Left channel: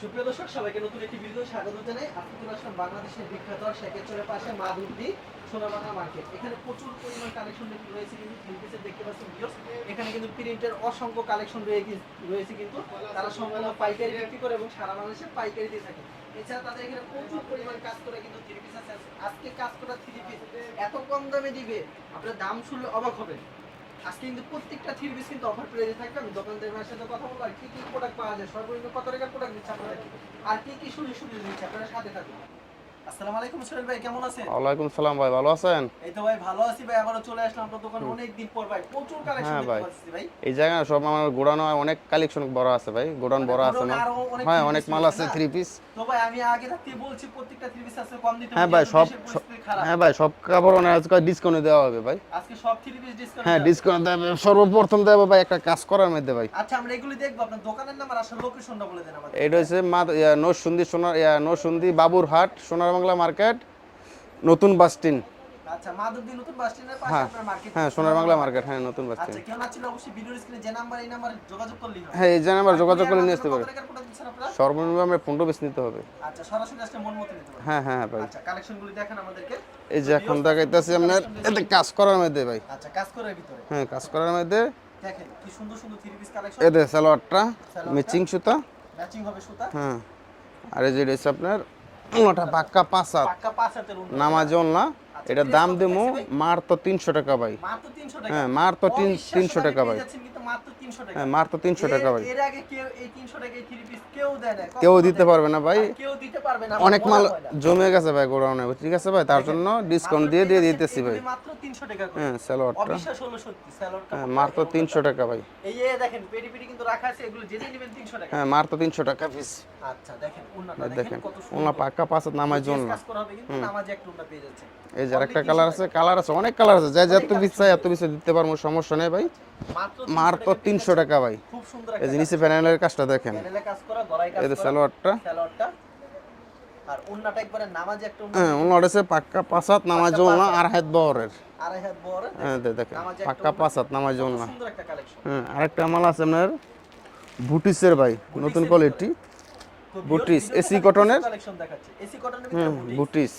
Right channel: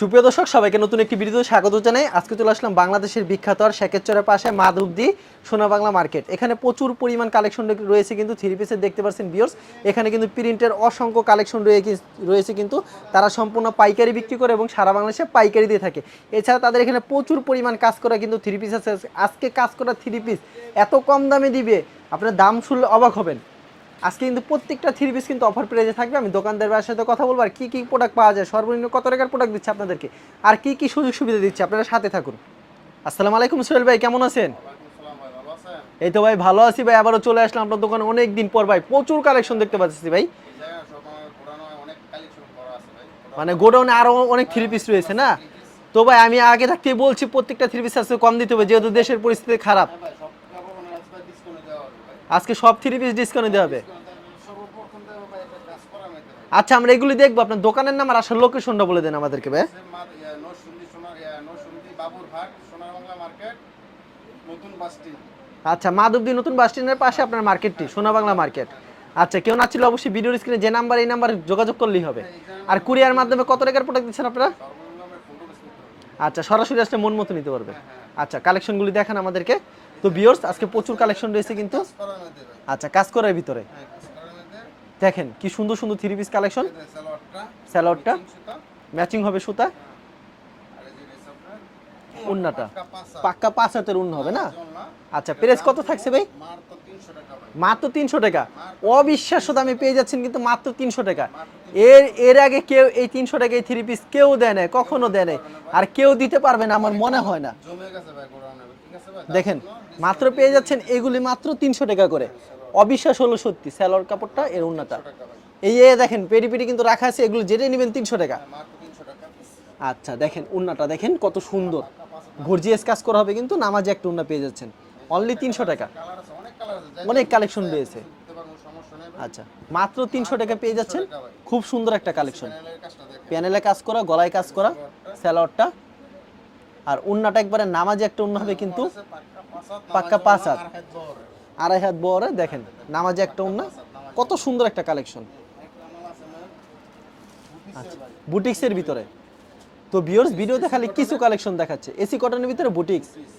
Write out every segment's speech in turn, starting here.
সুপ্রিয় দর্শক, সবাইকে নতুন একটি ভিডিওতে স্বাগত জানাই। আজকে চলে আসলাম বাংলাদেশের বিখ্যাত আর শেখেরচরের পাশে মাধবদি সোনা বাংলা মার্কেট। এখানে প্রচুর পরিমাণ কালেকশন রয়েছে কিন্তু থ্রি পিসের দেখতে পাচ্ছেন বিয়র্স এখানে কিন্তু প্রিন্টের অসংখ্য কালেকশন রয়েছে কিন্তু। তারা সম্পূর্ণ পাইকারি বিক্রি করে এবং সারা বাংলাদেশে পাইকারি দিয়ে থাকে। এছাড়া তাদের এখানে প্রচুর পরিমাণ কাজ করা কিন্তু থ্রি পিস আছে। আজকে কাজ করা থ্রি পিস। এত কম দামে দিবে, আপনার দাম শুনলে অবাক হবেন। আজকে কিন্তু প্রত্যেকটা থ্রি পিস কিন্তু অফার প্রাইজে থাকবে। আমি দোকানদারের সাথে কথা বলব, আর কী কী প্রোডাক্ট পাওয়া যায়, সর্বনিম্ন কত টাকার প্রোডাক্ট দিচ্ছে আপনাদেরকে? আর কী কী সুযোগ সুবিধা দিচ্ছে? আপনারা সাথে থাকুন। আসসালামু আলাইকুম সোহেল ভাই কেমন আছেন? ওয়ালাইকুম সালাম ভাই ভালো আছেন? এই তো ভাই ভালো আছি ভাই আবারও চলে আসলাম আপনার দোকানে অনেক দিন পর ভাই প্রচুর কালেকশন হ্যাঁ দেখতে পাচ্ছি ভাই। এই জায়গায় সব আমার গোডাউনে অনেক কালেকশন বড় আছে ভাই গোডাউন মানে গোডাউনে আরও অনেক থ্রি পিস রয়েছে না? থ্রি পিস তো ভাই আমি আগে থাকতে বলছি প্রত্যেকটা থ্রি পিস আছে কম দিতে হবে হ্যাঁ যেহেতু দেশের পরিস্থিতি খারাপ। হ্যাঁ ভাই সব কাপড় অনেক আজকে ডিসকাউন্ট দেওয়া হবে ভাই। আজকে সব থ্রি পিস ডিসকাউন্ট দেওয়া হবে। ডিসকাউন্ট দেবে সর্বপ্রথম দেবে ভাই একটা কাজ করার মধ্যে ভাই। আচ্ছা আমরা এগুলি দেখব আপনার দোকানের নাম আর আসল লোকেশনটা বলে দেন আমাদেরকে এটা। হচ্ছে মা নরসুন্দি সোনার নরসুন্দি বাবুরহাট সোনার বাংলা মার্কেট নতুন বাস স্ট্যান্ড আচ্ছা মাধবদী নতুন বাস স্ট্যান্ডের পাশে আপনার মার্কেট হ্যাঁ, সোনা বাংলা মার্কেট হ্যাঁ আচ্ছা কেউ না ছিল অবশ্যই ভিডিওর স্ক্রিনে যে নাম্বার এই নাম্বার যোগাযোগ করলেই হবে। হ্যাঁ এই আমার আর যোগাযোগ কুরিয়ার মাধ্যমে কত টাকার প্রোডাক্ট দিচ্ছেন আপনারা? সর্বনিম্ন আমরা পনেরো পিস নিতে হবে। আচ্ছা সরাসরি আসলে মন মতো নিতে পারবেন হ্যাঁ হ্যাঁ আচ্ছা কালেকশন গুলি দেখান আমাদেরকে। তো ভিউয়ার্স আজকে প্রচুর কালেকশন রয়েছে এটা কাজ করার মধ্যে ভাই। আচ্ছা কাজ করার ভিতরে। হ্যাঁ কাজ করার মধ্যে। দেখেন কি সুন্দর সুন্দর থ্রি পিস কালেকশন এদের সালোয়ারটা সালোয়ারটা? ম্যাচিং সুতা। ম্যাচিং হবে সুতা। হ্যাঁ। আর এই যে আপনার। পাক্কা পাঁচা পাক্কা পাঁচ হাতের নামাজ না? আচ্ছা, এটার কত থাকছে ভাই? মাত্র 300 টাকা ভাই। মাত্র তিনশো টাকা? হ্যাঁ, মাত্র অবিশ্বাস্য দামে পেয়ে যাচ্ছেন কিন্তু মাত্র তিনশো টাকা। হ্যাঁ, মাত্র 300 টাকা এর আগে কেউ এই তিনশো টাকায় থ্রি পিস কেউ দেয় না কখনো দিতে পারবে না ভাই। আর কেউ দিতে পারবে না আমার মনে হয় না। জমে গেছে ভাই গোডাউনে। ঠিক আছে ভাই তার দেখেন জন্য ডিসকাউন্ট দিয়ে দিয়ে দিতেছি এগুলি মাত্র তিনশো টাকা করে। হ্যাঁ, অবিশ্বাস হলো সত্যি স্যালোর কাপড়টা মাত্র 300 টাকা ভাই। এই যে দেখেন পেরি পেরি কিন্তু রাখা আছে এগুলো যেটা নেবেন তিনশো টাকা। হ্যাঁ মাত্র 300 টাকা পিস আচ্ছা দেখেন উন্নাটা দেখেন কত সুন্দর। পাক্কা পাঁচা নামাজ গর্জিয়াস কাজ করা হবে কিন্তু নামাজে একটা উন্না পেয়ে যাচ্ছেন। অনলি একটা তিনশো কালার টাকা। কালার আছে অনেক কালার আছে যা যা অনেক তুমি collection চাই এত কিছু দিতে পারব সমস্যা নেই ভাই। আচ্ছা মাত্র তিনশো মাত্র টাকা পেয়ে 300 টাকা ভাই। খুব সুন্দর একটা এই কালেকশন প্যানেলের কাজটা দেখেন। প্যানেলে কাজ করা গলায় কাজ করা সালোয়ারটা। স্যালোয়ারটা আর উন্নাটা একবারে নামাজে একটা উন্না হ্যাঁ হবে হচ্ছে পাক্কা পাঁচাত নামাজ পাক্কা আর হাত বহরের। আড়াই হাত বড় দেখেন হ্যাঁ, একটা পাক্কা উন্না। পাঁচ নামাজ কত সুন্দর একটা কালেকশন হ্যাঁ আরেকটা মাল আছে আপনার বুটিক্সের ভাই বুটিক্সের কোয়ালিটি তো ভিউয়ার্স বুটিক্স, ভিডিওতে খালি কিছু কটনের। কালেকশন দেখাচ্ছে। এসি কটনের ভিতরে বুটিক বুটিক্স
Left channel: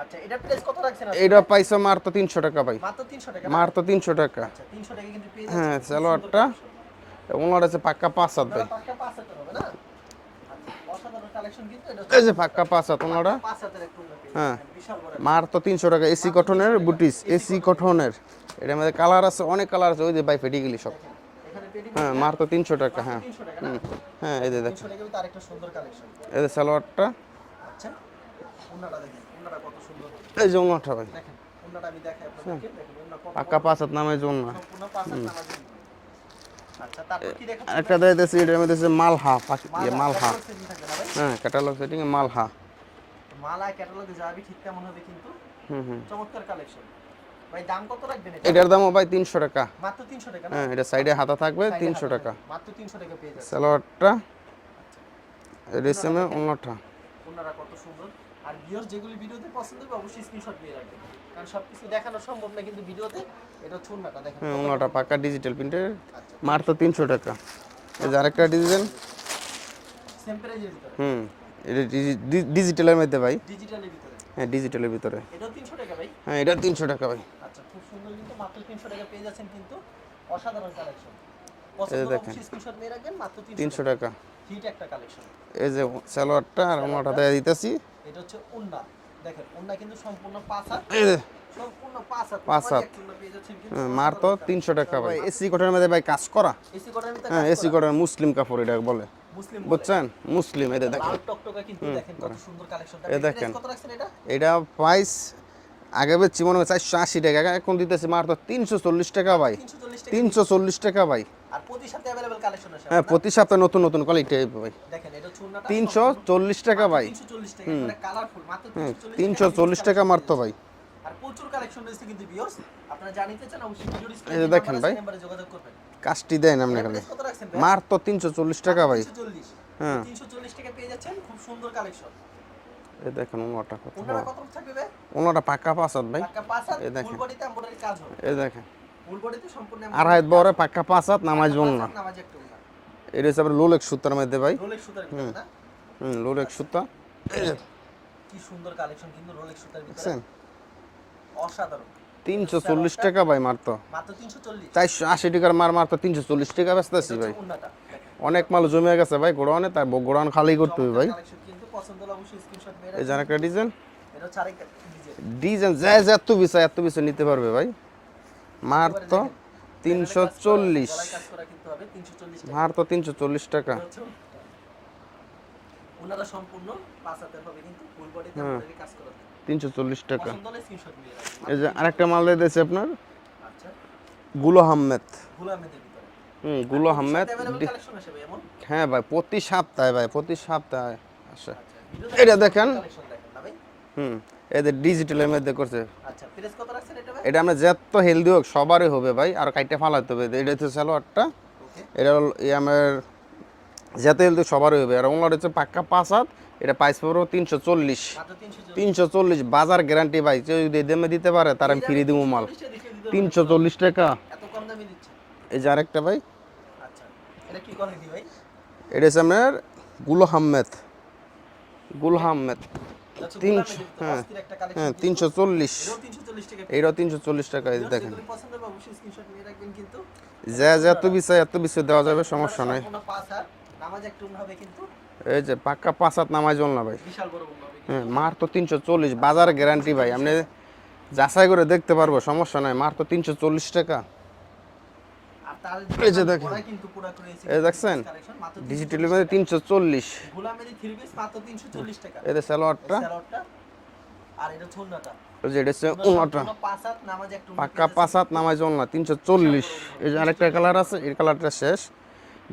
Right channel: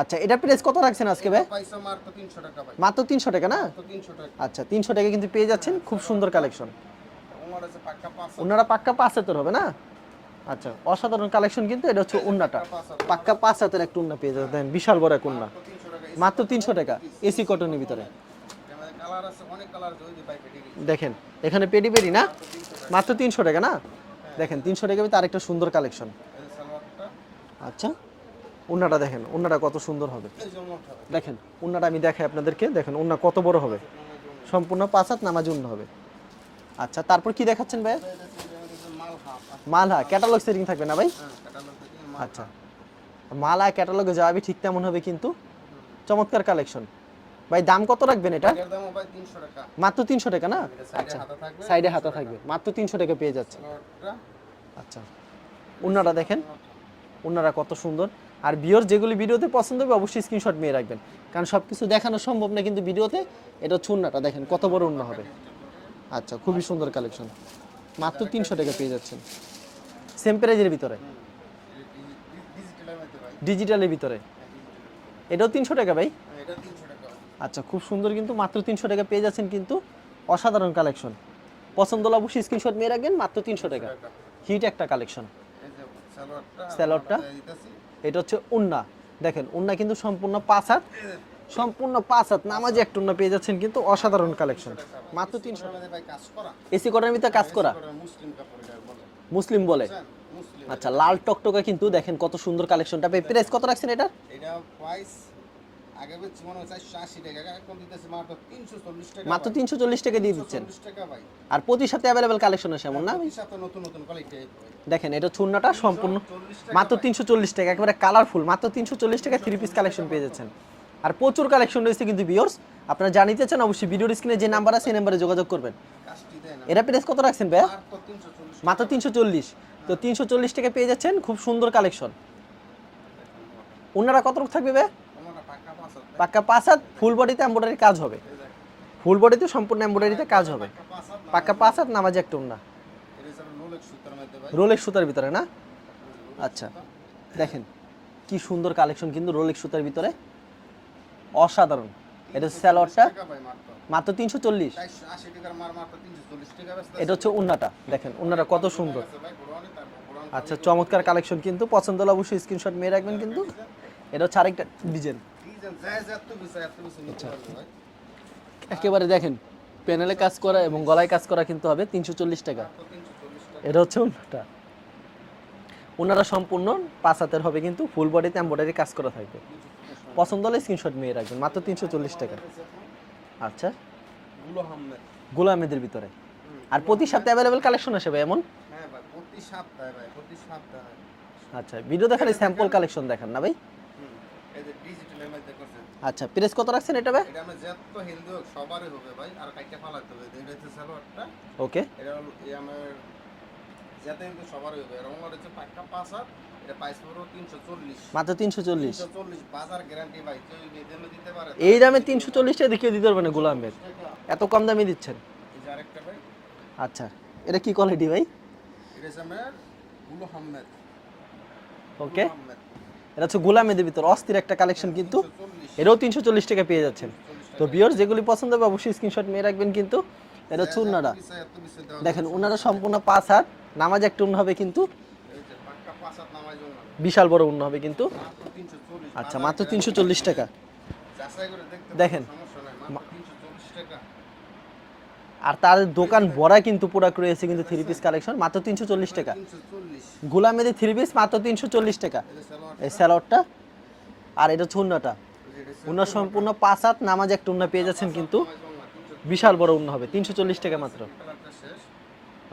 আচ্ছা এটা প্রাইস কত রাখছেন আজকে এটা পাইছো মাত্র 300 টাকা ভাই। মাত্র 300 টাকা না? মাত্র 300 টাকা। আচ্ছা 300 টাকা কিন্তু পেয়ে যাচ্ছেন হ্যাঁ, খুব সুন্দর। কালেকশন ওনার আছে পাক্কা পাঁচ আপনারা পাক্কা পাঁচ হাতের হবে না? আচ্ছা অসাধারণ কালেকশন কিন্তু এটা হচ্ছে পাক্কা পাঁচ হাত পাক্কা পাঁচ হাতের একটা উন্না পেয়ে যাবেন বিশাল বড় একটা মাত্র 300 টাকা এসি মাত্র 300 কটনের AC এসি কটনের এটার মধ্যে কালার আছে অনেক কালার আছে ওই যে ভাই ফেটে গেলি দেখেন এখানে পেডি পেডি না? হ্যাঁ, মাত্র 300 টাকা মাত্র হ্যাঁ। 300 টাকা না? হ্যাঁ, এই দেখেন যে 300 টাকা তার একটা সুন্দর কালেকশন এই যে সালোয়ারটা। আচ্ছা। উন্নাটা দেখেন উন্নাটা কত সুন্দর হবে। এই যে ওনাটা দেখেন উন্নাটা আমি দেখাই আপনাদেরকে দেখেন উন্না কত বড় পাঁচ হাত নামের জন্য সম্পূর্ণ পাঁচ হাত নামাজ হবে। আচ্ছা তারপর কি দেখাচ্ছেন একটা দিতেছি এটার মধ্যে আছে মালহা মালহা ক্যাটালগ সেটিং থাকবে না ভাই? হ্যাঁ ক্যাটালগ সেটিং এ মালহা। মালা ক্যাটালগে যাবে ঠিক তেমন হবে কিন্তু। হুম হুম। চমৎকার কালেকশন ভাই দাম কত রাখবেন এটা? এটার দামও ভাই 300 টাকা। মাত্র 300 টাকা না? হ্যাঁ এটা সাইডে হাতা থাকবে সাইডে 300 টাকা। মাত্র 300 টাকা পেয়ে যাচ্ছে। সালোয়ারটা আচ্ছা। রেশমে দেখেন। ওনাটা ওনারা কত সুন্দর। আর বিয়র যেগুলি ভিডিওতে পছন্দ হবে অবশ্যই স্ক্রিনশট নিয়ে রাখবেন। কারণ সবকিছু দেখানো সম্ভব না কিন্তু ভিডিওতে এটা চুন্নাটা দেখেন কত বড় পাক্কা ডিজিটাল প্রিন্টের আচ্ছা মাত্র 300 টাকা। আরেকটা ডিজাইন সেম প্রাইজের ভিতরে। হুম এটা ডিজিটালের মধ্যে ভাই। ডিজিটালের ভিতরে। হ্যাঁ ডিজিটালের ভিতরে। এটাও তিনশো টাকা ভাই? হ্যাঁ এটা 300 টাকা ভাই। আচ্ছা খুব সুন্দর কিন্তু মাত্র তিনশো টাকা পেয়ে যাচ্ছেন কিন্তু অসাধারণ কালেকশন পছন্দ হলে অবশ্যই স্ক্রিনশট নিয়ে রাখবেন মাত্র তিনশো 300 টাকা। টাকা। হিট একটা কালেকশন। এই যে সালোয়ারটা আর। ওনাটা দিতেছি। এটা হচ্ছে উন্না। দেখেন উন্না কিন্তু সম্পূর্ণ পাঁচ হাত। সম্পূর্ণ পাঁচ হাত। নামাজে উন্না পেয়ে যাচ্ছেন কিন্তু অসাধারণ কালেকশন। 300 টাকা ভাই। এসি কটনের মধ্যে ভাই কাজ করা। এসি কটনের ভিতরে হ্যাঁ কাজ এসি কটনের মুসলিম কাপড় এটা বলে। মুসলিম বলে? বুঝছেন? মুসলিম এটা আচ্ছা, লাল টকটকা কিন্তু দেখেন কত সুন্দর কালেকশনটা। প্রাইস কত রাখছেন এটা? এটা প্রাইস আগে বেচছি মনে হয় চারশো আশি টাকা এখন দিতেছি মাত্র তিনশো চল্লিশ টাকা ভাই। 340 টাকা তিনশো চল্লিশ টাকা ভাই। আর প্রতি সাথে অ্যাভেলেবল কালেকশন আছে হ্যাঁ প্রতি সপ্তাহে নতুন নতুন কোয়ালিটি ভাই। দেখেন এটা তিনশো চল্লিশ টাকা ভাই। 340 টাকা একেবারে কালারফুল মাত্র 340 টাকা তিনশো চল্লিশ টাকা মাত্র ভাই। আর প্রচুর কালেকশন রয়েছে কিন্তু ভিউয়ার্স আপনারা জানিতে চান অবশ্যই ভিডিওর স্ক্রিনে যে নাম্বার আছে। সেই নম্বরে যোগাযোগ করবেন। কাজটি দেন এটা প্রাইস কত রাখছেন ভাই মাত্র তিনশো চল্লিশ মাত্র টাকা ভাই 340 তো 340 টাকা পেয়ে যাচ্ছেন খুব সুন্দর কালেকশন এই দেখেন ওনাটা ওনারা কত থাকবে ভাই? ওনাটা পাক্কা পাঁচ হাত ভাই পাক্কা পাঁচ হাত ফুল বডিতে এমব্রয়ডারি কাজ হবে। এই দেখেন। ফুল বডিতে সম্পূর্ণ এমব্রয়ডারি কাজ হবে। পাক্কা পাঁচ হাত নামাজ পাঁচ হাত নামাজে একটা এটা হচ্ছে আপনার লোলেক সুতার মধ্যে ভাই। রোলেক্স সুতার ভিতরে না? হুম লোলেক আচ্ছা। সুতা। কি সুন্দর কালেকশন কিন্তু সুতার ভিতরে। অসাধারণ। এটা তিনশো চল্লিশ সালোয়ারটা টাকা ভাই মাত্র। মাত্র তিনশো চল্লিশ। চারশো আশি টাকার মার মাত্র তিনশো চল্লিশ টাকা ব্যস্ত এটা হচ্ছে উন্নাটা দেখেন অনেক উন্নাটা জমে গেছে ভাই গোড়ানে তার গোড়ান খালি আচ্ছা, করতে চমৎকার কালেকশন কিন্তু পছন্দ হলে অবশ্যই স্ক্রিনশট মেরে এই রাখবেন আরেকটা ডিজাইন। এটা হচ্ছে আরেকটা ডিজাইন। ডিজাইন যা যা এত বিষয় এত বিষয় নিতে পারবে ভাই। একেবারে দেখেন প্যানেলে কাজ করা গলায় কাজ করা কিন্তু হবে তিনশো চল্লিশ টাকা। আর তো তিনশো চল্লিশ টাকা। এটা হচ্ছে উন্নাটা। ওনারা সম্পূর্ণ পাঁচ হাতের হবে কিন্তু ফুল বডিতে এমব্রয়ডারি কাজ করা থাকবে। তিনশো চল্লিশ টাকা। পছন্দ হলে স্ক্রিনশট মেরে রাখবেন মাত্র যে তিনশো আরেকটা মাল দিয়েছে আপনার? আচ্ছা। গুলো আহমেদ। গোলামেদের ভিতরে। হুম আরগুলো প্রতি আহমেদ। সপ্তাহে অ্যাভেলেবল কালেকশন আসে ভাই এমন? হ্যাঁ ভাই প্রতি সপ্তাহে ভাই প্রতি সপ্তাহে। আচ্ছা ভিডিও দেখেন। কালেকশন দেখেন না ভাই। হুম এদের ডিজিটালের মধ্যে করছে। আচ্ছা প্রেস কত রাখছেন এটা ভাই? এটা আমরা যত হেলদি হোক সবারই হবে ভাই আর কাইটে ফালাতে হবে। এটা হচ্ছে সালোয়ারটা ওকে এটা হলো আমার যত হেলদি সবারই হবে। আর ওনার হচ্ছে পাক্কা পাঁচ হাত এটা প্রাইস পড়ব তিনশো চল্লিশ। মাত্র তিনশো তিনশো চল্লিশ বাজার গ্যারান্টি ভাই। কেউ যদি এই দামে দিতে পারে এই দামে তিনশো চল্লিশ টাকা দেখিয়ে দিতে পারবেন তিনশো চল্লিশ টাকা। এত কম দামে দিচ্ছেন? এই যে আরেকটা ভাই। আচ্ছা এটা কি কোয়ালিটি ভাই? এটা হচ্ছে আপনারগুলো আহমেদ। গুলো Okay. আহমেদ। এটা হচ্ছে গোলামেদের ভিতরে হ্যাঁ। অস্থির একটা কালেকশন কিন্তু। তিনশো চল্লিশ। এটাও তিনশো চল্লিশ টাকা পেয়ে টাকা যেগুলি পছন্দ হবে অবশ্যই স্ক্রিনশট নিয়ে রাখবেন কিন্তু। যা যা এত উন্নাটা। বিষয় এত বিষয় দেওয়া যাবে সমস্যা নাই। সম্পূর্ণ পাঁচ হাত। নামাজ একটা উন্ন হবে কিন্তু এই যে পাক্কা পাঁচ হাত নামাজ ভাই। বিশাল বড় উন্ন হবে কিন্তু। হ্যাঁ, মার তো তিনশো চল্লিশ আচ্ছা, বাজার গ্যারান্টি ভাই। 340। যাচাই করে দেখতে পারব সমস্যা নাই মার তো তিনশো চল্লিশ টাকা। আর তার দোকান। ভরা কিন্তু প্রোডাক্ট রয়েছে কিন্তু থ্রি পিস কালেকশন মাত্র তিনশো চল্লিশ টাকা। তিনশো চল্লিশ। গোলামেদি থ্রি পিস মাত্র তিনশো চল্লিশ টাকা। এদের এই স্যালোয়ারটা আর এটা এটা উন্ন নামাজ একটা উন্ন পেয়ে হাত নামাজ জল না তিনশো বিশাল চল্লিশ বড় উন্ন হবে, এই যে আরেকটা কালার আছে এই কালারটা শেষ।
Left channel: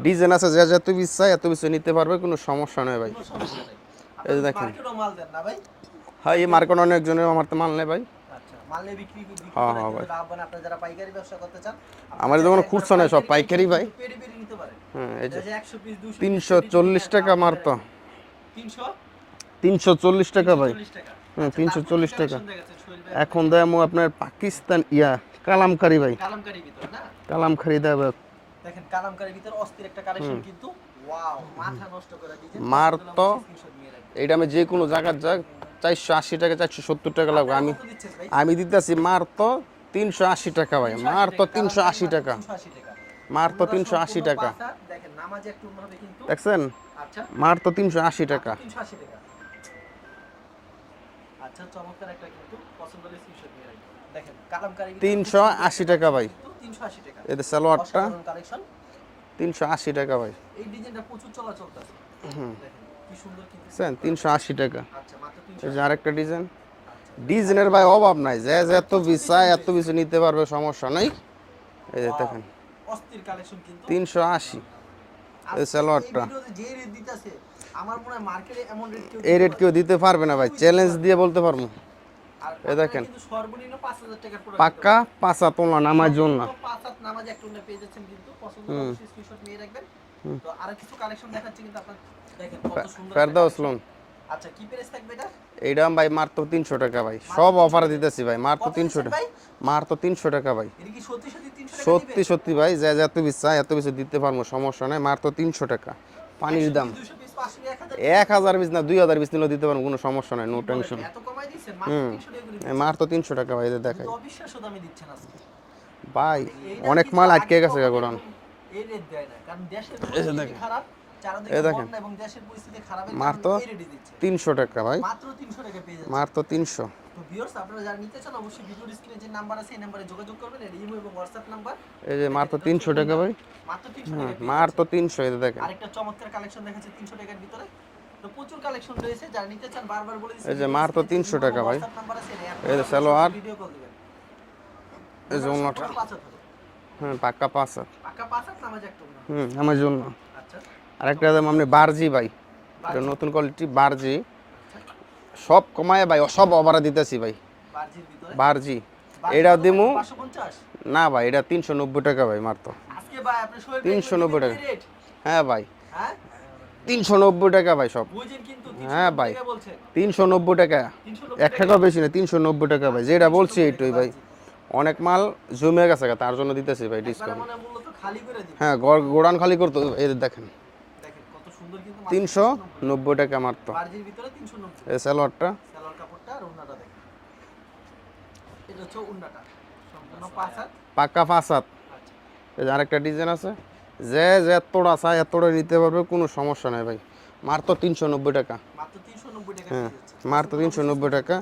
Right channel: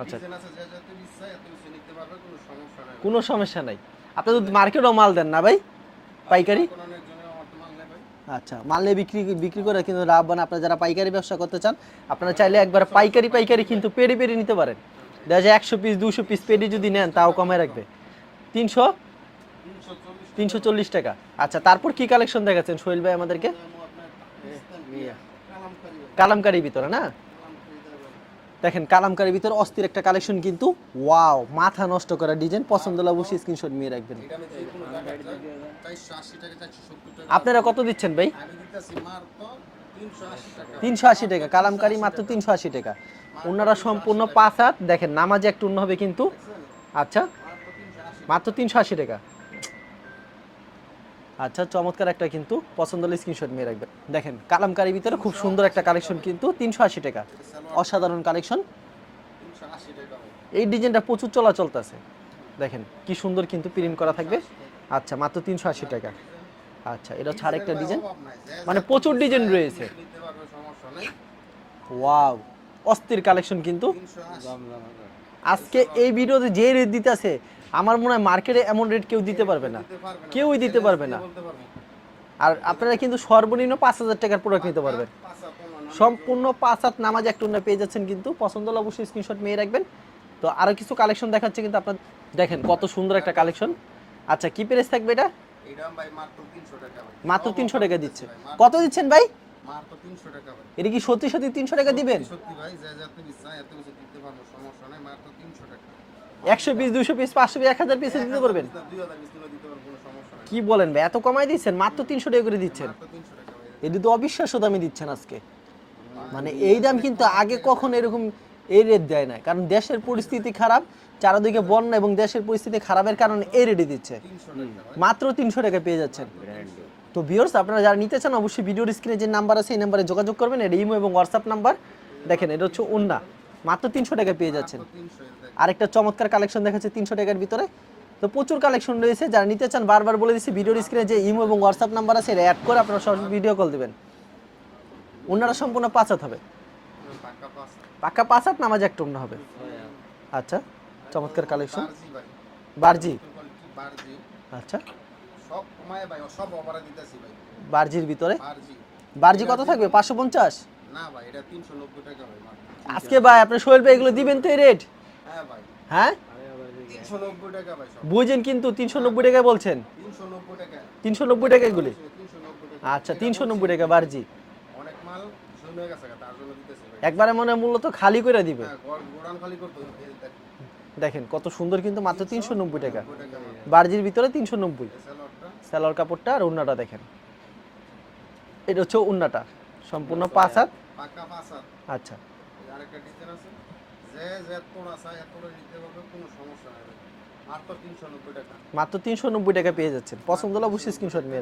ডিজাইন আছে যা যত ইচ্ছা এত কিছু নিতে পারবে কোনো সমস্যা নেই ভাই। কোনো সমস্যা নাই। আপনি মার্কেটও মাল দেন না ভাই? হ্যাঁ? মার্কেট অনেকজনের আমার তো মাল নেই ভাই। আচ্ছা মানলে বিক্রি বিক্রি হ্যাঁ, করে হ্যাঁ কিন্তু লাভবান আপনারা যারা পাইকারি ব্যবসা করতে চান আপনারা চাইলে একবার পাইকারি পাইকারি কিন্তু পেরি পেরি নিতে পারেন। এই যে দেখা যায় একশো পিস দুশো পিস 340 পেরি যদি নেন তাও মাত্র। রাখবে। তিনশো? তিনশো চল্লিশ টাকা তিনশো ভাই চল্লিশ টাকা। হ্যাঁ, আচ্ছা তারপর কি কালেকশন। দেখাচ্ছেন? সোহেল ভাই এখন আমাদেরকে আপনার পাকিস্তান ইয়া কালামকারী ভাই। কালামকারী ভিতরে না? কালামকারি দেবে দেখেন কালামকারির ভিতরে অস্থির একটা কালেকশন কিন্তু ওয়াও মাথা নষ্ট করা ডিজাইন পছন্দ হলে অবশ্যই স্ক্রিনশট নিয়ে রাখবেন। এটা আমি যে কোনো জায়গার যাক চারশো আশি টাকা চারশো সত্তর টাকা লাগবে। আপনারা কত দিচ্ছেন ভাই? আমি দিতেছি মার তো তিনশো আশি টাকা ভাই। তিনশো আশি মার তো টাকা কালামকারি 380 মাত্র টাকা। তিনশো আশি টাকা। মার তো 380 টাকা। পাঁচ হাত দেখেন নামাজে একটু অন্য হবে কিন্তু। দেখছেন? আচ্ছা। মার তো তিনশো আশি মাত্র টাকা। তিনশো আশি টাকা। আচ্ছা চমৎকার একটা কিন্তু পছন্দ হলে স্ক্রিনশট নিয়ে রাখবেন। দেখেন কালামকারি ভিতরে খুব সুন্দর একটা কালেকশন কিন্তু তিনশো আশি টাকা। এদের সালোয়ারটা। অসাধারণ কালেকশন তিনশো আশি টাকা ভাই। এই ডিজাইনটা প্রচুর চলাচল আছে। দেখেন কি সুন্দর কিন্তু প্রিন্ট করা থাকে আশি টাকা। আচ্ছা মাত্র তিনশো এই আশি যে আরেকটা টাকা। ডিজাইন। আচ্ছা এটা ডিজাইনের ভাই অভাব নাই। যে মানে এত কিছু design চায়, এত কিছু নিতে পারবে সমস্যা নাই। ওয়াও অস্থির কালেকশন কিন্তু। তিনশো আশি। আজকে এই ভিডিওতে যে রেট দিতেছে আমার মনে হয় মার্কেটে এমন রেট কেউ দিতে পারবে কেউ দিতে পারবে না ভাই। চ্যালেঞ্জ দিয়ে বলতে পারব। আর আপনারা কিন্তু সর্বনিম্ন পাঁচ হাজার টাকার প্রোডাক্ট পাক্কা পারবেন। পাঁচা তোলা নামার জন্য। পাঁচ হাত নামাজ একটা উন্না পেয়ে যাচ্ছেন কিন্তু। পছন্দ হলে অবশ্যই স্ক্রিনশট নিয়ে রাখবেন। তো আরও কিছু কালেকশন দেখাচ্ছে কিন্তু আপনার দেখেন কত সুন্দর একটা কালেকশন আচ্ছা কি প্রাইস থাকবে এটা? এইটা ভাই মাত্র তিনশো টাকা ভাই। সব 300 অফার দিতেছি ভাই। মাত্র কত দিচ্ছেন ভাই? মাত্র তিনশো টাকা ভাই। এটা কি সত্যি সত্যি তিনশো টাকা দিবেন? সত্যি সত্যি ভাই যা যা বেশি চাই এত বেশি দিতে পারব সমস্যা নাই। মাত্র তিনশো টাকা। পানির একশো পিস দুশো পিস পাঁচশো পিস এক হাজার এক হাজার পিস না দুই হাজার পিস নিলেও দিতে পারব কোনো সমস্যা নাই কি বলেন এত কমাই দিচ্ছেন? মাত্র তিনশো টাকা করে দিচ্ছেন। মাত্র তিনশো টাকা ভাই এই যে এটা দেখেন। তো অবিশ্বাস্য দামে দিচ্ছেন আজকে। ভাই মানে এই দাম কিন্তু আগে কখনো এরকম এই রেট দেয় না কারণ দেশের পরিস্থিতি খারাপ চারদিকে বন্যা এবং দেশের পরিস্থিতি খারাপের কারণে এই রেটে দিচ্ছে। তিনশো টাকা ভাই। মাত্র তিনশো টাকা পেয়ে যাচ্ছে। মাত্র তিনশো। তো ভিউয়ার্স আপনারা যারা নিতে চান অবশ্যই ভিডিওর স্ক্রিনে যে নাম্বার আছে এই নাম্বারে যোগাযোগ করবেন। এটা ইমো এবং নাম্বার দেখেন এটা হচ্ছে 300 টাকা মাত্র তিনশো টাকা পেয়ে যাচ্ছে। মাত্র দেখেন। আরেকটা চমৎকার কালেকশন দেখাচ্ছে তিনশো টাকার ভিতরে। তো প্রচুর কালেকশন রয়েছে। যারা নিতে চান বারবার বলে দিচ্ছি মাত্র স্ক্রিনে যে ইমো এবং নাম্বার আছে এটা অ্যাড করে আপনারা। ভিডিও কল দিবেন। ওনারা সম্পূর্ণ পাঁচাত হবে। হ্যাঁ পাক্কা পাঁচ হাজার। পাক্কা পাঁচ হাত নামাজ একটা অন্য হবে। আমার জন্য আচ্ছা। আরেকটা দাম আপনি বারজি ভাই বারজি। নতুন কোয়ালিটি বারজি। আচ্ছা। সব কমায় ভাই সব অফারে দিতেছি ভাই। বারজির ভিতরে? বারজি। এটা দিমু থাকবে? পাঁচশো পঞ্চাশ? না ভাই এটা তিনশো নব্বই টাকা ভাই মাত্র। আজকে ভাই আপনি সোহেল ভাই এগুলো দিবেন তো রেট হ্যাঁ ভাই। হ্যাঁ? তিনশো নব্বই টাকা ভাই সব। বুঝেন কিন্তু তিনশো হ্যাঁ নব্বই ভাই। টাকা বলছেন। তিনশো নব্বই টাকা। তিনশো নব্বই এক টাকা টাকা বেশি না তিনশো নব্বই টাকা ভাই। আচ্ছা, যেটা বলছি। বারজি। অনেক মাল জমে গেছে তার জন্য দিতেছি ভাই একবারে মনে মূলত খালি করে দিবে। হ্যাঁ গোড়ান খালি করতে এই দেখেন। দেখেন কত সুন্দর কিন্তু মাত্র তিনশো তিনশো নব্বই টাকা। নব্বই টাকা মাত্র। বার্জির ভিতরে তিনশো নব্বই। এই সালোয়ারটা? সালোয়ার কাপড়টা আর উন্নাটা দেখেন। এটা হচ্ছে উন্নাটা। সম্পূর্ণ পাঁচ হাত। পাক্কা পাঁচ হাত। আচ্ছা। এই যে আরেকটা ডিজাইন আছে। যে যে এতটা চাই এতটা নিতে পারবে কোনো সমস্যা নাই ভাই। মাত্র তিনশো নব্বই টাকা। মাত্র তিনশো নব্বই টাকা পেয়ে যাচ্ছে মাত্র পছন্দ হলে তিনশো অবশ্যই নব্বই screenshot টাকা।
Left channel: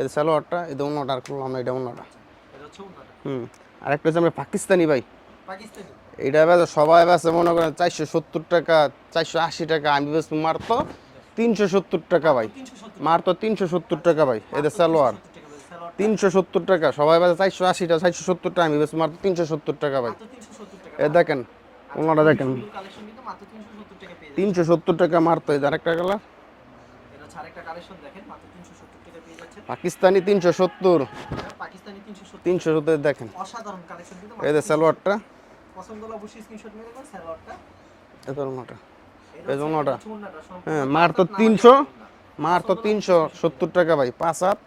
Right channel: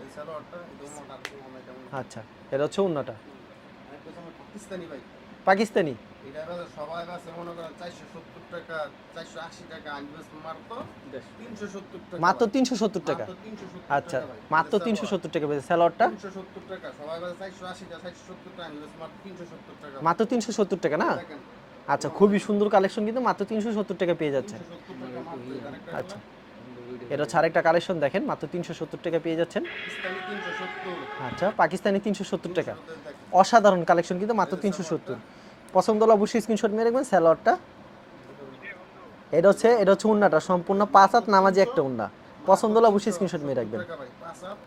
এই সালোয়ারটা এই অন্যটা আর করলাম এটা অন্যটা আচ্ছা এটা হচ্ছে উন্নাটা। হুম। আরেকটা হচ্ছে আমরা পাকিস্তানি ভাই। পাকিস্তানি? এটা বেচে সবাই বেচে মনে করেন চারশো সত্তর টাকা চারশো আশি টাকা আমি বেচবো মাত্র তিনশো সত্তর টাকা ভাই। তিনশো সত্তর মাত্র তিনশো সত্তর টাকা ভাই সত্তর টাকা তিনশো সত্তর টাকা সবাই বেচে চারশো আশি টাকা চারশো সত্তর টাকা আমি বেচবো মাত্র তিনশো সত্তর টাকা ভাই। মাত্র তিনশো সত্তর টাকা না? দেখেন আচ্ছা সুন্দর কালেকশন কিন্তু মাত্র তিনশো সত্তর টাকা পেয়ে যাচ্ছে। তিনশো সত্তর টাকা মারতো এই আরেকটা কালার এটা হচ্ছে আরেকটা কালেকশন দেখেন মাত্র তিনশো সত্তর টাকা পেয়ে যাচ্ছেন। পাকিস্তানি তিনশো সত্তর। আচ্ছা পাকিস্তানি তিনশো সত্তর তিনশো টাকা সত্তর দেখেন। অসাধারণ কালেকশন কিন্তু মাত্র এই যে তিনশো সালোয়ারটা। পছন্দ হলে অবশ্যই স্ক্রিনশট মেরে রাখবেন সালোয়ারটা। এটা হচ্ছে এটা হচ্ছে উন্নাটা সম্পূর্ণ হ্যাঁ, পাঁচ হাত নামাজি একটা উন্না। পছন্দ হলে অবশ্যই স্ক্রিনশট মেরে সত্তর রাখবেন। টাকা ভাই পাঁচ হাত।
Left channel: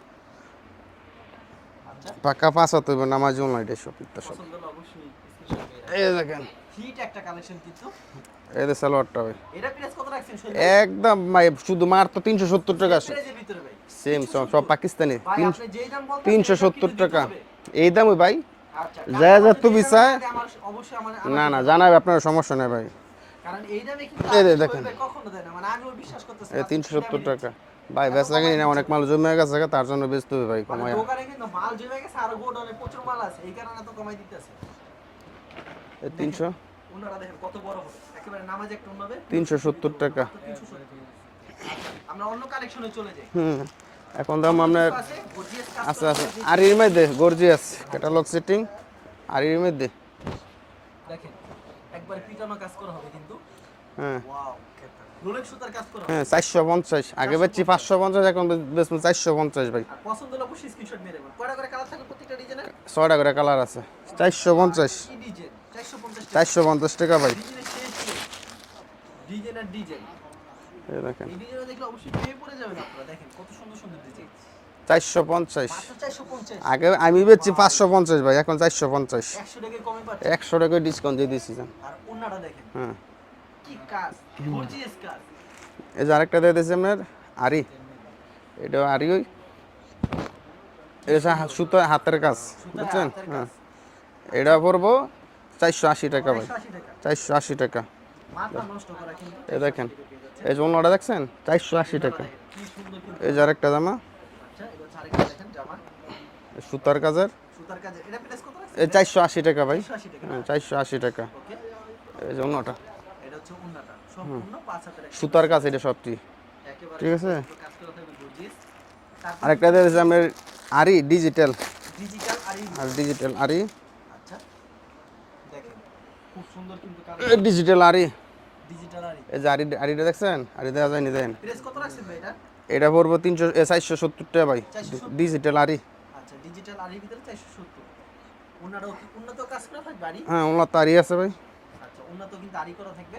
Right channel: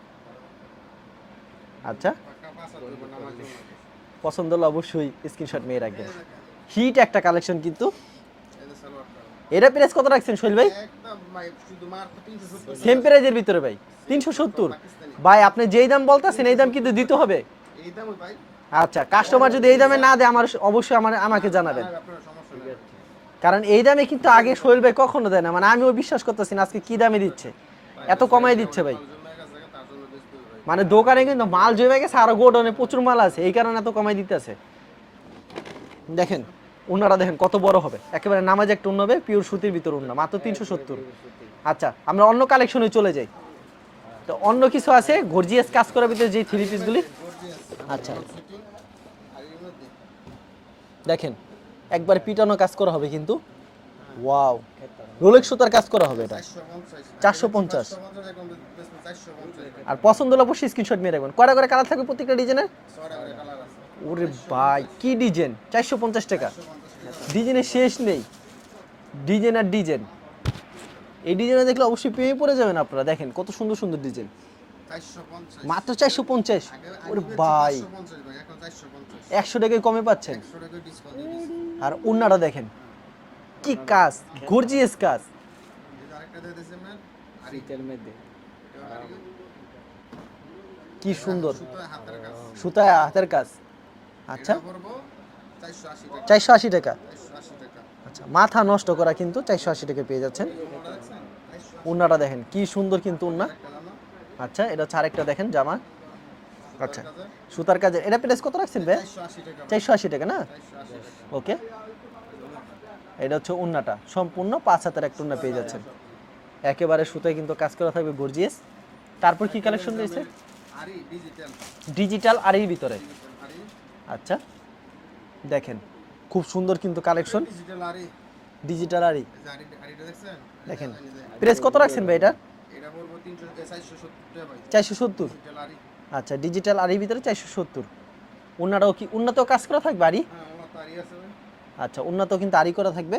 আচ্ছা। পাকা পাঁচ হাত নামাজ অনলাইন এসব পছন্দ হলে অবশ্যই স্ক্রিনশট মেরে রাখবেন। এই দেখেন। হিট একটা কালেকশন কিন্তু। এই সালোয়ারটা ভাই। এটা প্রাইস কত রাখছেন শৈল ভাই? একদম ভাই শুধু মাত্র তিনশো সত্তর টাকা সেম প্রাইজের ভিতরে ভাই। Same, তিনশো সব- সব সত্তর। পাকিস্তানি। ভাই আপনি যেই দাম বলতেছেন এই দাম কিন্তু দিতে হবে? এই দামই ভাই। আচ্ছা কাস্টমার যদি এই দামে না দেয় আমার অবশ্যই আমার আমাকে না, না, জানাবে আপনার সমস্যা নেই ভাই। কারণ এই দামে কিন্তু আগে শৈল ভাই কখনো দেয় না। মানে আমিও বিশ্বাস করতেছি না আজকে কি দামে দিচ্ছে। এত কমাই দিচ্ছে অনেক মাল জমে গেছে তার জন্য ভাই মানে দোকানে কিন্তু মাল জমে গেছে আর গোডাউনে প্রচুর মাল আছে এই কারণে এত কমাই দিতেছে। দেখেন 300 উনারা দেখেন কত বড় হবে। একেবারে নামাজ একটা উন্নবে পিওর সুতির ভিতর মাত্র তিনশো সত্তর। আচ্ছা আমরা অন্য কালেকশনে চলে যাই। এখন অন্য কিছু আছে? গর্জিয়াস কাজ করার ভিতরে যে আর এর মধ্যে গর্জিয়াস আচ্ছা। ক্যাটালগ সেটিং আর এর মধ্যে। দেখেন একবার পিটানো কাজ করা হবে কিন্তু। ওয়াও। রোলেক্স সুতার কাজ করা হবে। হ্যাঁ চারশো পঞ্চাশ। আগে বেচছি 450 পাঁচশো পঞ্চাশ এখন বেচবো চারশো পঞ্চাশ ভাই। আর পছন্দ হলে অবশ্যই স্ক্রিনশট মেরে রাখবেন। কয়টা করে কালার থাকবে প্রত্যেকটা ডিজাইনের? ছয়টা করে কালার আছে। চারশো পঞ্চাশ। কি ডিজাইন? চারশো পঞ্চাশ টাকা। চারশো পঞ্চাশ টাকা ভাই। ডিজাইনের শেষ নেই। ডিজাইন আর ডিজাইন। এই ডিজাইনে দেখলে অবশ্যই প্রেমে পড়ে যাবেন আপনারা। দেখেন কত সুন্দর সুন্দর ডিজাইন। চারশো পঞ্চাশ। মাত্র চারশো পঞ্চাশ। আগে আমি বেচছি পাঁচশো পঞ্চাশ ভাই এখন চারশো পঞ্চাশ। একশো টাকায় কমে পাচ্ছে। একশো টাকা ডিসকাউন্ট দিয়ে দিচ্ছি আর উন্নাটা দেখেন। হ্যাঁ। কি কাজ? গর্জিয়াস কাজ। এই যে আরেকটা দিয়ে দিয়েছি আপনার আরি। এটা আরি ওই। সুতো হাতের কাজ। সুতায় হাতের কাজ। এটা পড়ব চারশো আশি টাকা। চারশো আশি টাকা? চারশো আশি টাকা। আচ্ছা মাথা নষ্ট করা কিন্তু চারশো আশি। টাকা পেয়ে যাচ্ছে। এই যে অন্যটা দেখছেন? চারশো আশি টাকা। দেখেন কি সুন্দর কিন্তু এই যে আরেকটা জামা। আচ্ছা এটা হচ্ছে আরেকটা দেখেন জামা। সুতার কাজের। সুতার কাজে এটা প্রাইস কত রাখছেন এই চারশো আশি টাকা ভাই। চারশো আশি টাকা না? চারশো আশি টাকা। ওকে। এই যে অন্যটা এটা হচ্ছে উন্নাটা। সম্পূর্ণ পাঁচ হাতের একটা সুতার কাজ এটা সবটি। একেবারে সুতায় কিন্তু কাজ করা থাকবে গর্জিয়াস। তারপর কি আপনার আরি ডিজিটাল ডিজিটাল আর ভিতরে। ডিজিটাল আরি আচ্ছা। দেখেন খুব সুন্দর কিন্তু কালেকশন ডিজিটাল আরি ডিজিটাল আরই এই যে আরি আরিটা দেখছেন? আরি দেখা যায় নি দেন প্রেস কত রাখছেন ভাই এটা? এটা পড়ব তিনশো চারশো সত্তর টাকা ভাই। চারশো সত্তর। ডিজিটাল আরি আচ্ছা ডিজিটাল আরির ভিতরে চারশো সত্তর। উন্নাটাও কি উন্নত কাজ করা থাকবে আরি হ্যাঁ ওনার তো আরি আছে ভাই। আচ্ছা উন্নত কিন্তু আরি করা থাকবে।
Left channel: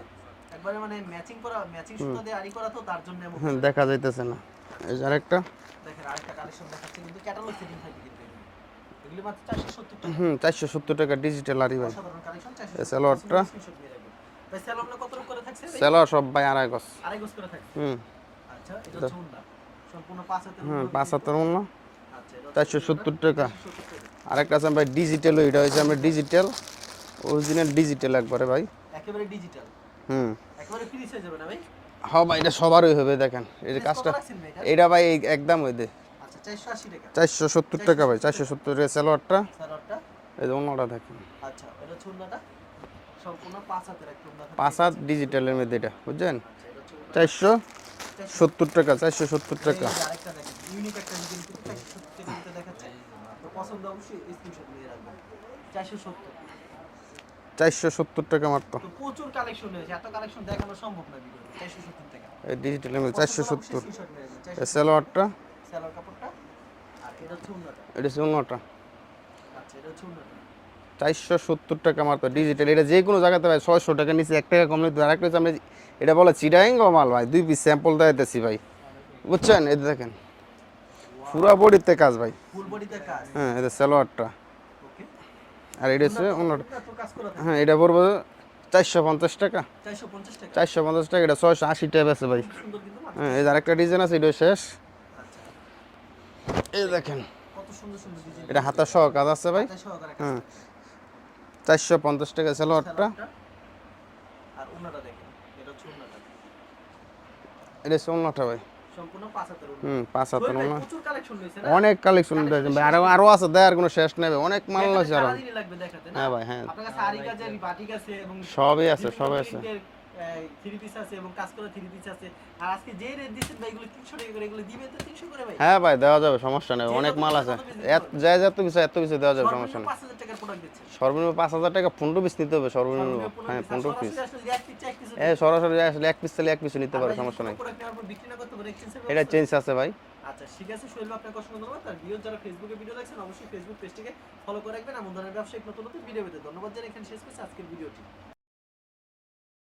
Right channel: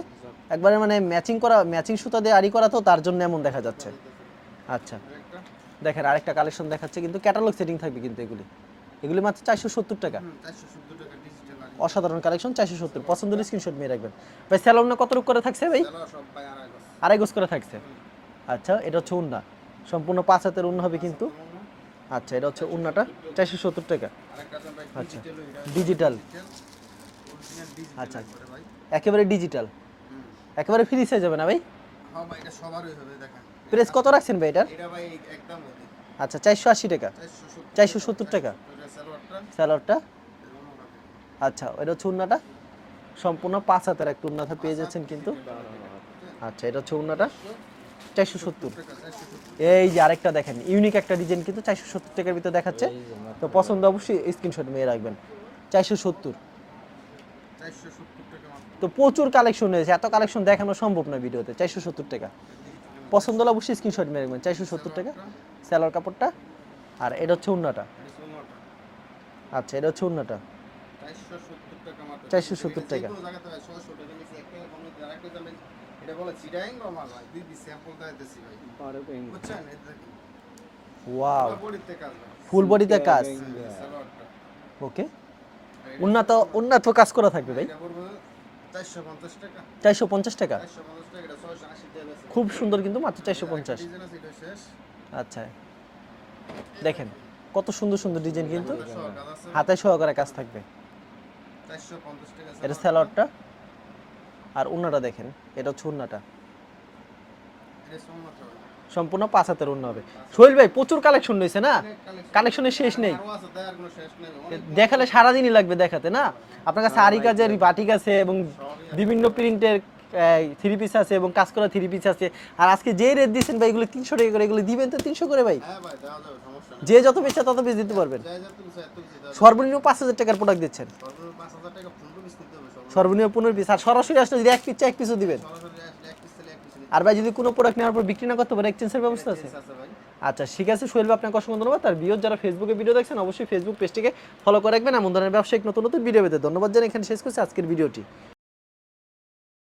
একবারে মানে ম্যাচিং করা ম্যাচিং সুতা দিয়ে আরি করা তো তার জন্য এমন দেখা দেখা যাইতেছে না। আচ্ছা। আরেকটা। দেখেন আরেকটা কালেকশন দেখাচ্ছে কিন্তু ক্যাটালগ সেটিং থাকবে কিন্তু এগুলি। এগুলি মাত্র চারশো সত্তর টাকা। হুম চারশো সত্তর টাকা ডিজিটাল আরি ভাই অসাধারণ কালেকশন চারশো সত্তর? পছন্দ স্ক্রিনশট নিয়ে রাখবেন। ভাই স্যালোনা কত রূপ করে থাকছে ভাই? সেলো সব ভাই আড়াই গছ আড়াই গোস করে থাকছে? হুম। আচ্ছা এটা হচ্ছে উন্না। সম্পূর্ণ পাঁচ হাতের উন্না হবে পাঁচ কিন্তু। হাতের মূল্য আচ্ছা এটা হচ্ছে 470 টাকা। চারশো সত্তর টাকা। আরেকটা আছে ভাই ডিজিটাল এটা হচ্ছে আমরা ডিজিটাল অরিজিনাল ডিজিটাল একবারে ভাই। একেবারে ডিজিটাল হুম। একেবারে ফ্রি হয়ে যাবে না ভাই? হ্যাঁ ভাই এটা সবারই হবে দেখেন। প্রেস কত রাখছেন ভাই এটা এটা ভাই একদম ওই দে আচ্ছা চারশো আশি টাকা। চারশো 470 টাকা ভাই টাকা। চারশো সত্তর সালোয়ারটা এই যে অন্যটা দেখেন। আচ্ছা এটা হচ্ছে সম্পূর্ণ পাঁচ হাতের একটা উন্নাটা পাঁচ পেয়ে হাত ডিজিটালের মধ্যে এটা বুঝছেন? আচ্ছা এটা হচ্ছে চারশো চারশো সত্তর টাকা চারশো সত্তর টাকা। এই যে আরেকটা দেখেন ইউনিক একটা ডিজাইন কিন্তু চারশো সত্তর টাকার ভিতরে দেখাচ্ছে। তো পছন্দ অবশ্যই স্ক্রিনশট নিয়ে রাখবেন। চারশো সত্তর। সত্তর চারশো সত্তর টাকা মাত্র। তো প্রচুর কালেকশন হয়েছে এত কালেকশন দেখানো সম্ভব না ভিডিওতে চারশো সত্তর টাকা। এই ডিজিটালের মধ্যে পছন্দ হলে অবশ্যই স্ক্রিনশট চারশো সত্তর টাকা। সালোয়ারটা স্যালোয়ার কাপড়টা আর এটা হচ্ছে উন্নাটা এটা হচ্ছে অন্যটা আচ্ছা এটা হচ্ছে উন্নাটা চারশো সত্তর টাকা মাত্র ডিজিটাল এটা যে কোনো জায়গাতে ভাই ছয়শো টাকা নিচে এক টাকা কমলে আরেকটা হচ্ছে আমরা এটা বলে চিডাইং মাল ভাই দুই পিস স্যাম্পল দেখাইতেছি ভাই। বুঝছেন? এই দেখেন। পুরো বডিতে কাজ ভাই। ফুল বডিতে কাজ? হ্যাঁ এটা সালোয়ারটা ওকে আর এটা উন্নত উন্নত কাজ করা থাকবে। হ্যাঁ এটা পড়ব চারশো পঞ্চাশ টাকা। চারশো পঞ্চাশ টাকা? চারশো পঞ্চাশ টাকা এটা ছয়শো আশি টাকা আছে ভাই। খুব সুন্দর কিন্তু মাত্র হ্যাঁ, 450 ডিজাইন আছে এটা শেষ। আচ্ছা। এই দেখেন কত সুন্দর সুন্দর ডিজাইন এটা হাতার সহ কাজ আছে ভাই। হাতে সহকারে কাজ থাকবে। চারশো পঞ্চাশ টাকা সালোয়ারটা। আর উন্নাটা দেখেন এটা হচ্ছে উন্নাটা। এটা হচ্ছে অন্যটা ভাই। সম্পূর্ণ পাঁচ হাতের উন্নয়ন। সোহেল ভাই প্রচুর কালেকশন রয়েছে না? অনেক কালেকশন কালেকশনের আরও আছে দেয়ার কোনো শেষ নেবে অনেক দেখালে সারাদিনই লাগবে দেখাতে না? হ্যাঁ ভাই, হ্যাঁ। আপনার কাছে আরি কাজের বাটিক আছে এবং সবই আছে বিভিন্ন প্রিন্টের থ্রি পিস আছে এবং কাজ করা থ্রি পিস আছে। আর আজকে যে রেট দিয়েছেন ভাই এগুলো তিনশো টাকা করে এগুলো দিবেন তো তিনশো করে ভাই? হ্যাঁ ভাই দেওয়া যাবে সমস্যা নেই। যে যত আছে। তত বেশি দিতে পারবেন। যা যত বেশি এত বেশি দেওয়া যাবে সর্বনিম্ন পাঁচ হাজার টাকার প্রোডাক্ট দিচ্ছেন। সর্বনিম্ন পাঁচ হাজার টাকা পনেরো পিস নিতে হবে সর্বনিম্ন। পনেরো পিস আর হ্যাঁ, সরাসরি আসলে যদি এক পিস এক পিসও হ্যাঁ, দিবেন। সরাসরি আসলে এক পিস তাহলে এক পিস নিতে আর ভাই যদি কোনো প্রোডাক্ট নেওয়ার পর বিক্রি না করতে পারে এক্সচেঞ্জের এটা ব্যবস্থা আছে? চেঞ্জ আছে ভাই। আচ্ছা ঠিক আছে সোহেল ভাই আপনাকে অসংখ্য ধন্যবাদ। তার ভিডিও যারা ফেসবুকে ভিডিও দেখছেন অবশ্যই ফেসবুক পেজটিকে ফলো করে রাখবেন। এমন ধরনের ব্যবসায়িক নতুন নতুন ভিডিও পেতে ধন্যবাদ জানাই। এখানে শেষ করছি আজকের ভিডিওটি